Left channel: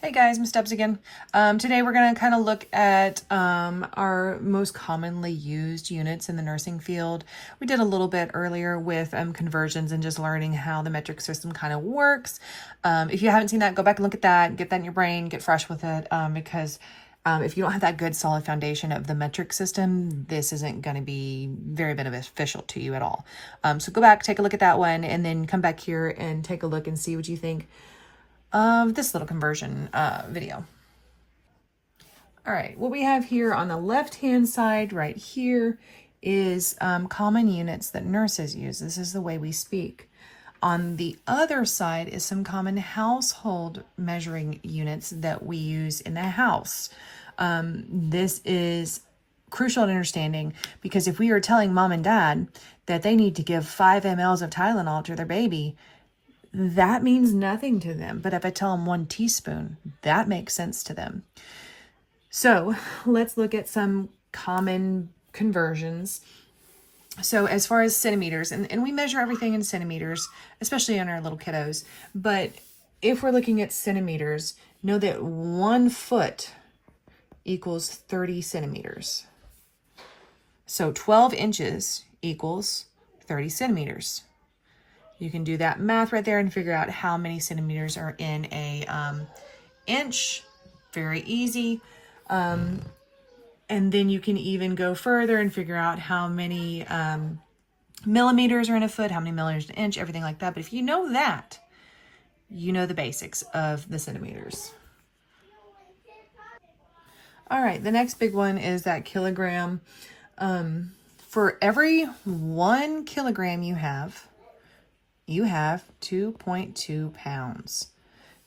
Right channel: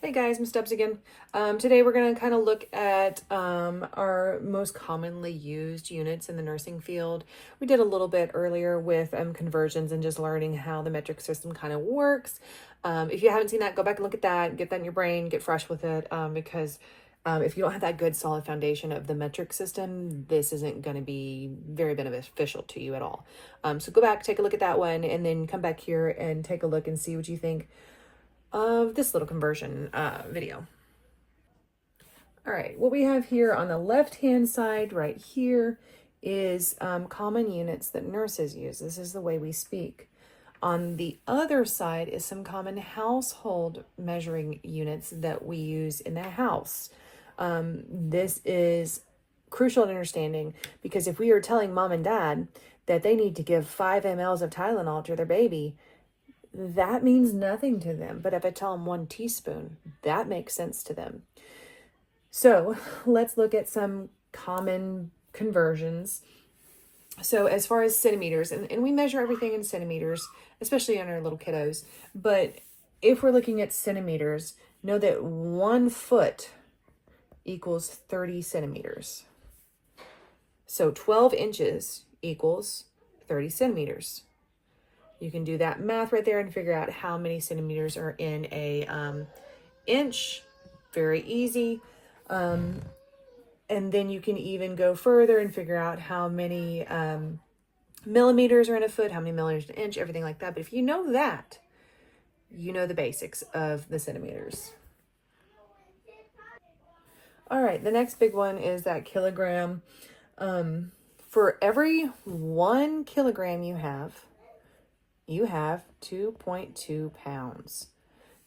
Hey guys, Miss Stubbs again. Today we're going to kind of look at our most commonly used units in the nursing field. We did a little bit earlier with conversions and just learning how the metric system kind of works. If you haven't seen that, go back and look at that, get that in your brain, get fresh with it, because if you don't have that good solid foundation of the metric system, this isn't going to be very beneficial to you at all. So go back, take a look at that one, and then come back here and take a look and see what you think of this little conversion video. All right, what we have here on the left-hand side right here is common units that nurses use. This is the way we speak. On the other side is some common household measuring units that we use in the house. This is crucial in understanding because if we are telling mom and dad that they need to give 5 mLs of Tylenol to their baby, that means nothing to them. But if I tell them 1 teaspoon, that makes sense to them. So let's look at some common conversions. So as far as centimeters, and we measure everything in centimeters, especially on our little kiddos. But if we're looking at centimeters, know that 1 foot equals 30 centimeters. So 12 inches equals 30 centimeters. You can do that math right there and figure out how many centimeters are in a inch. Very easy. And then you can even go further and figure out how many millimeters are in a foot, how many millimeters in an inch, everything like that. But if you know that, you know the basics of the centimeters. All right, the next big one is that kilogram. For every 1 kilogram you have 2.2 pounds.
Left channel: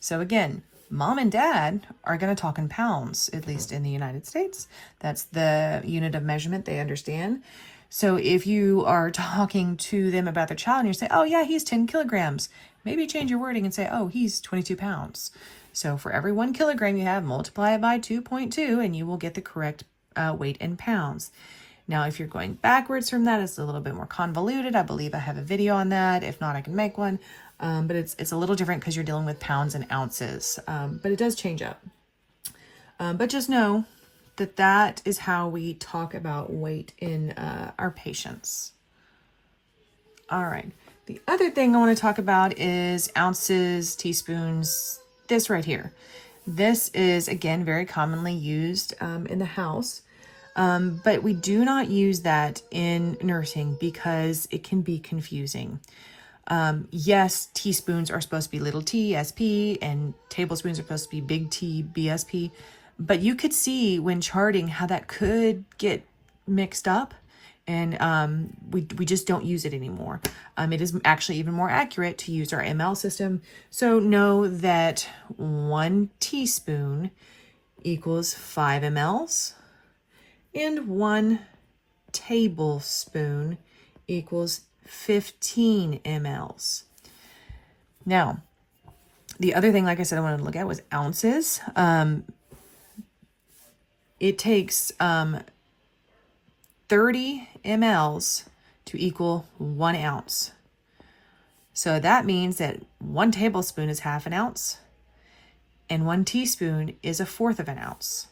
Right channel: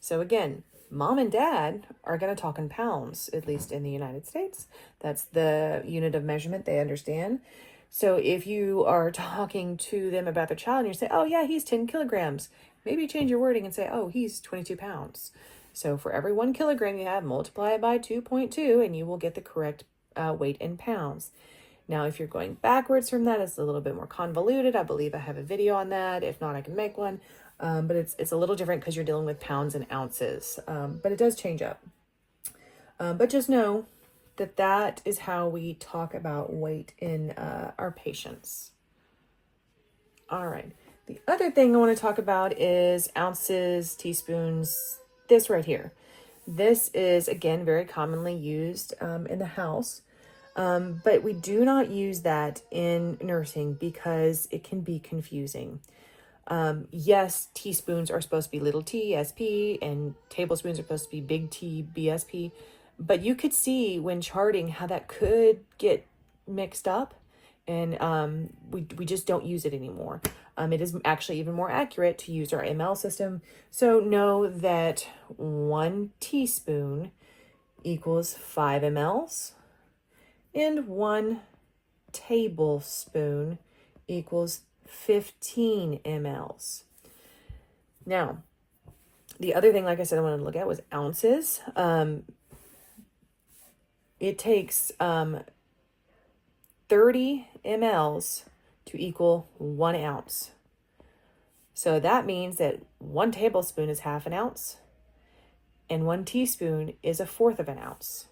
So again, mom and dad are going to talk in pounds, at least in the United States. That's the unit of measurement they understand. So if you are talking to them about their child and you say, oh yeah, he's 10 kilograms, maybe change your wording and say, oh, he's 22 pounds. So for every 1 kilogram you have, multiply it by 2.2 and you will get the correct weight in pounds. Now, if you're going backwards from that, it's a little bit more convoluted. I believe I have a video on that. If not, I can make one. But it's a little different because you're dealing with pounds and ounces. But it does change up. But just know that that is how we talk about weight in our patients. All right. The other thing I want to talk about is ounces, teaspoons, this right here. This is, again, very commonly used in the house. But we do not use that in nursing because it can be confusing. Yes, teaspoons are supposed to be little t, SP, and tablespoons are supposed to be big T, BSP. But you could see when charting how that could get mixed up, and we just don't use it anymore. It is actually even more accurate to use our ML system. So know that 1 teaspoon equals 5 mLs. And 1 tablespoon equals 15 mLs. Now, the other thing, like I said, I wanted to look at was ounces. It takes 30 mLs to equal 1 ounce. So that means that 1 tablespoon is half an ounce, and 1 teaspoon is 1/4 of an ounce.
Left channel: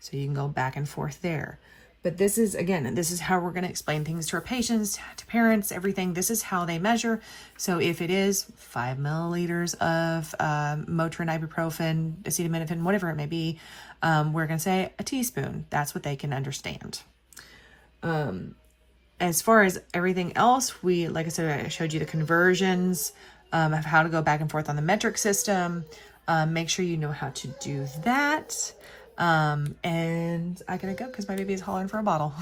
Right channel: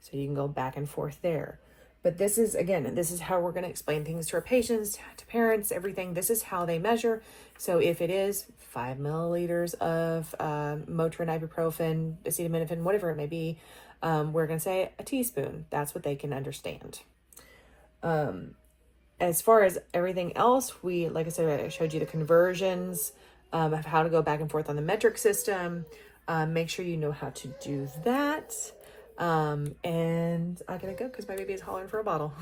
So you can go back and forth there. But this is, again, this is how we're going to explain things to our patients, to parents, everything. This is how they measure. So if it is 5 milliliters of Motrin, ibuprofen, acetaminophen, whatever it may be, we're going to say a teaspoon. That's what they can understand. As far as everything else, like I said, I showed you the conversions of how to go back and forth on the metric system. Make sure you know how to do that. And I gotta go because my baby is hollering for a bottle.